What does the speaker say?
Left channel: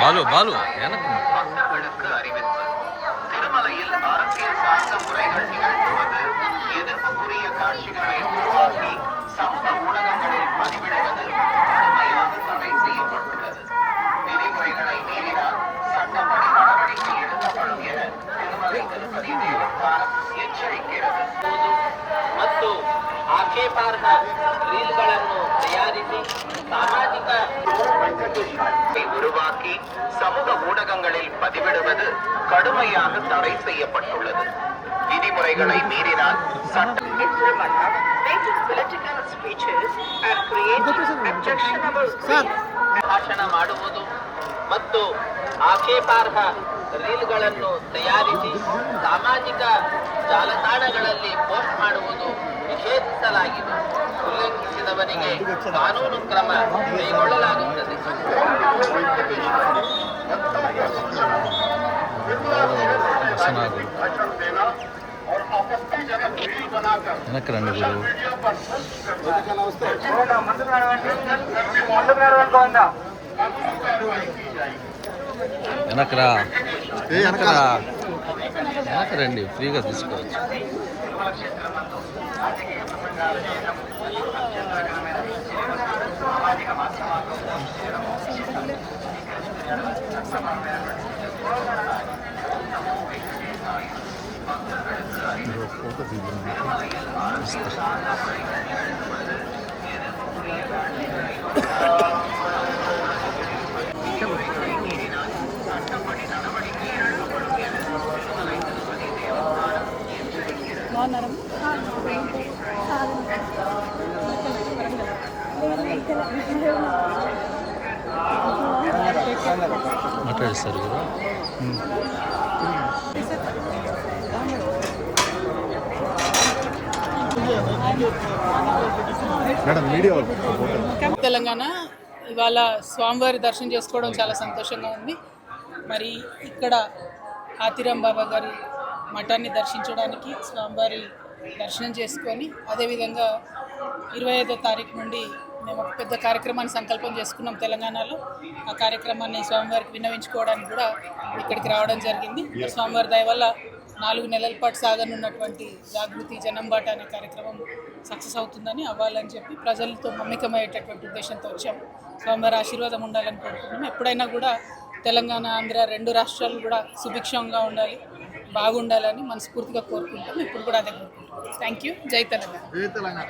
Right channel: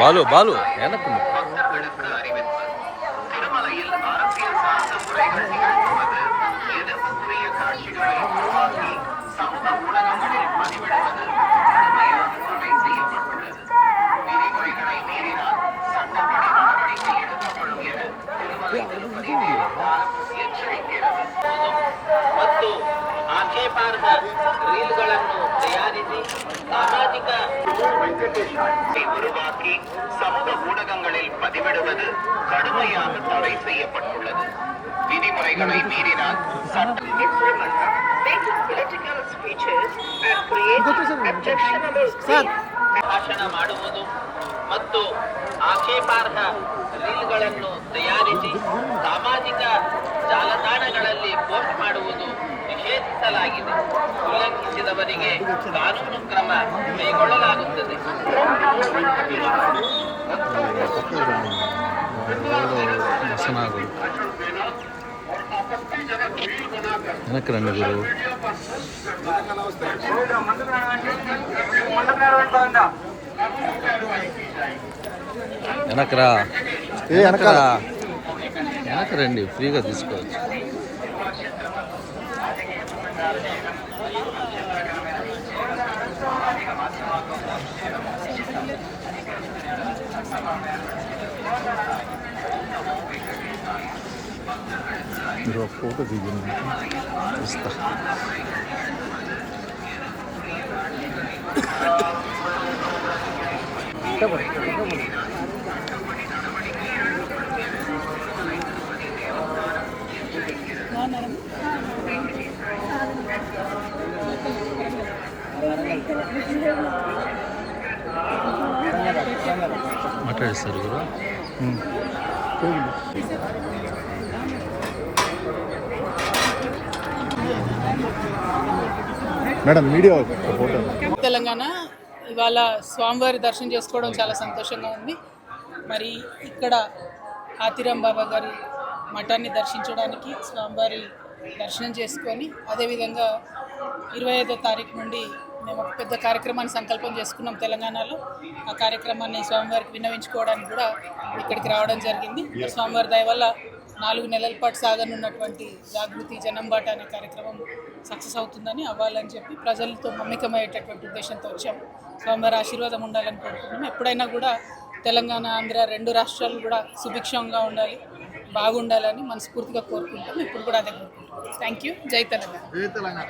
பாலு பாலு எனக்கு ಮತ್ತು ಆಕ್ಷೇಪಾರ್ಹ ರೀಲ್ಗಳನ್ನು ತಯಾರಿಸಿ ಸಾಮಾಜಿಕ உருவாக்கி சமூக ஊடகங்களில் பதிவிடுவது கடுமையாக தடை செய்யப்பட்டுள்ளது. விதிமுறைகளை மீறினால் ಭಾಷಣ ಮಾಡುವುದು ಮತ್ತು ಆಕ್ಷೇಪಾರ್ಹ ರೀಲ್ಗಳನ್ನು ತಯಾರಿಸಿ ಸಾಮಾಜಿಕ ಜಾಲತಾಣಗಳಲ್ಲಿ ಪೋಸ್ಟ್ ಮಾಡುವುದು ನಿಷೇಧಿಸಲಾಗಿದೆ. ಉಲ್ಲಂಘಿಸಿದವರಿಗೆ ಕಾನೂನು ಕ್ರಮ ಕೈಗೊಳ್ಳಲಾಗುತ್ತದೆ. எனக்கு ரெண்டு குரு వెనకరా వెనకరా వెనక రండి ఫ్రీగా తీసుకోవచ్చు. ఫోటో దిగింది మాట్లాడిస్తారు కదా. మేడం మీడియా తెలంగాణ ఇవాళ స్వామివారి దర్శనం చేసుకోవడం చాలా సంతోషంగా ఉంది. మరి ఇక్కడ ఆతిరాం బాబా గారి మఠాన్ని దర్శించడానికి స్వామివారి దర్శనం చేసుకొని అదేవిధంగా 25వ తారీఖు నుండి మేము ఒక పెద్ద కార్యక్రమాన్ని సంకల్పం చేసుకున్నాం తెలంగాణలో. ఆ కార్యక్రమాన్ని స్వామివారికి విన్నవించుకోవడానికి కూడా ఇక్కడికి రావడం జరిగింది. స్వామివారి దయ వల్ల 4 నెలల పాటు సాగనున్నటువంటి జాగృతి జనంబాట అనే కార్యక్రమం సక్సెస్ అవుతుందని అవ్వాలని చెప్పి ప్రజలతో మమ్మికమయ్యేటటువంటి ఉద్దేశంతో వచ్చాము. స్వామివారి ఆశీర్వాదం ఉండాలని కోరుకుంటున్నాం. ఎప్పుడైనా కూడా తెలంగాణ ఆంధ్ర 2 రాష్ట్రాలు కూడా సుభిక్షంగా ఉండాలి, బాగుండాలని మనస్ఫూర్తిగా కోరుకుంటాం. ఇప్పుడు కూడా అదే కోరుకుంటాం. Thank you. జై తెలంగాణ.